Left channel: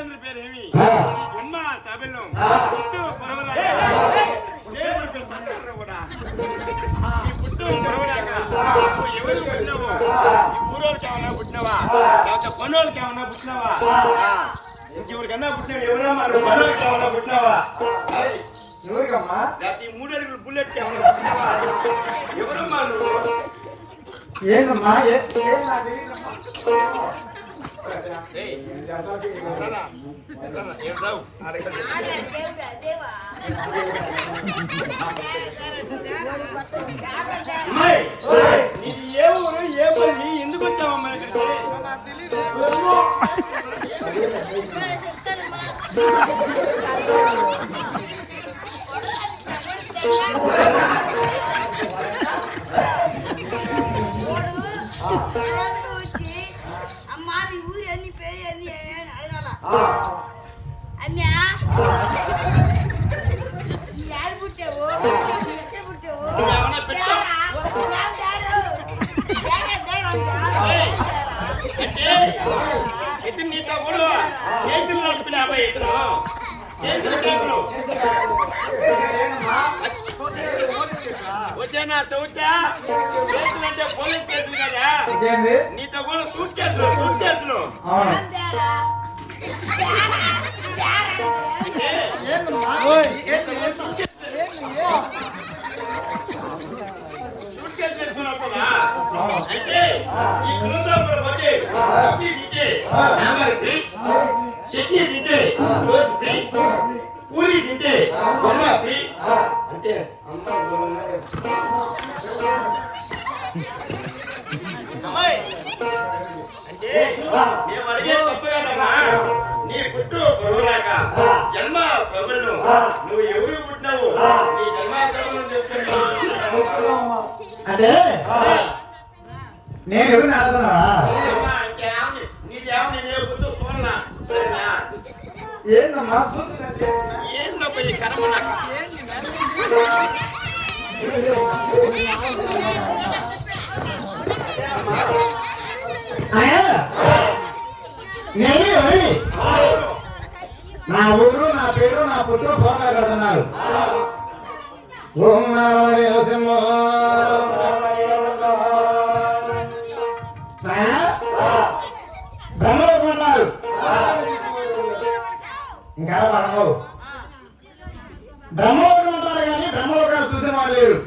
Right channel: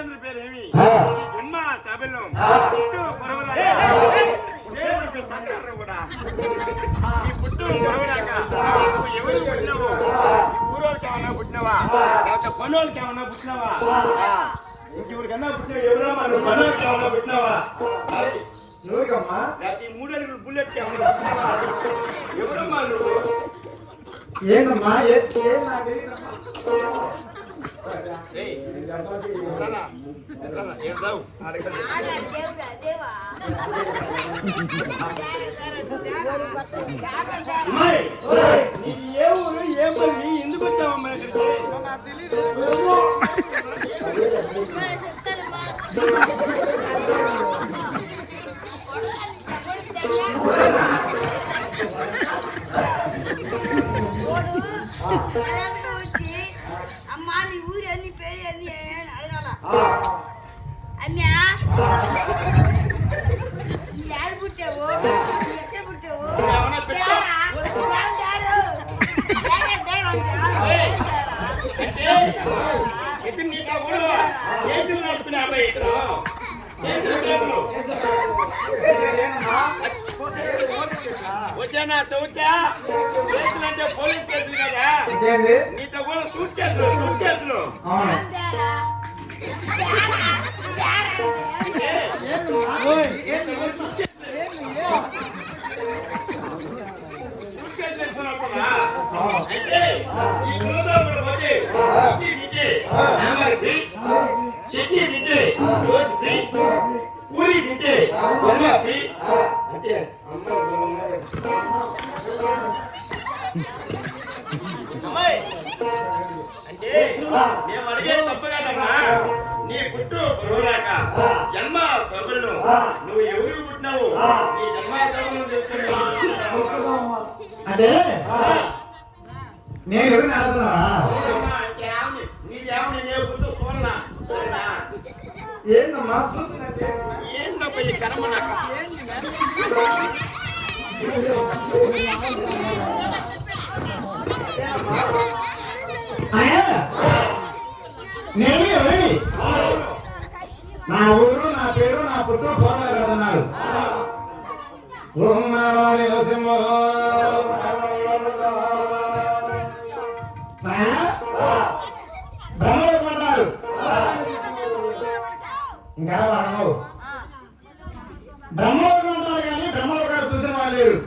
తండ్రి పేరేమి జన్మ సభలో పుట్టు పొరవలాగా దేవుడికి సంతానం కూడా ఈ పుట్టు పొరవలాగా నువ్వు ఎవరు పుట్టినావు ఈ ఊరోళ్ళకి ఏమన్నా పుట్టినవా లేకపోతే కొన్నోళ్ళకి ఏమన్నా పుట్టినవా ఇంకెవరికన్నా పుట్టినవి ఎవరమ్మా నువ్వు కొన్నోళ్ళకి ఏమన్నా పుట్టినవా లేకపోతే ఈ 3 అడుగులు బుల్లెట్ ఏమన్నా పుట్టినవా ఎవరమ్మా నువ్వు ఏంటమ్మా ఏ ఊరు ఏ పల్లి ఎందుకు వచ్చావమ్మా ఇక్కడికి నాకు తెలియదు వచ్చి అమ్మా నీ ఊరు అన్ని పేరు అది అడగాల అమ్మా యారు పుట్టావు ఎక్కడ పుట్టావు అంటే నీతో కూడా చేతులు నడుపుకునే అబ్బాయి ఇతను వచ్చానా చౌత్యా చేతులు అంటే పోలీస్ కేసులు కదా నీతో కూడా సూట్ కేసులు అయితే ఈ కుటుంబంలో వచ్చి చట్నీ తింటే పూరి తింటే అంటే అమ్మాయి అంటే మేము అడిగేది తప్పు కదమ్మా నీ పుట్టు పొరవరాక జన్మ సభలను నువ్వు ఎవరికి పుట్టినావు నీ జన్మ సభలను చెప్తున్నావు అంటే నేను నీదేమని నేను గుర్తు సోన్నా ఏందప్ప ఈ కర్మ నాకు నా ఊరు నా పేరు నా పుట్టు ఫోన్ పెడుతున్నారు బ్రహ్మన్నారు ఇంకా అడగవు బ్రహ్మలోకం అంటారు కానీ బ్రహ్మలోకాలు చూసే వాళ్ళు లేరు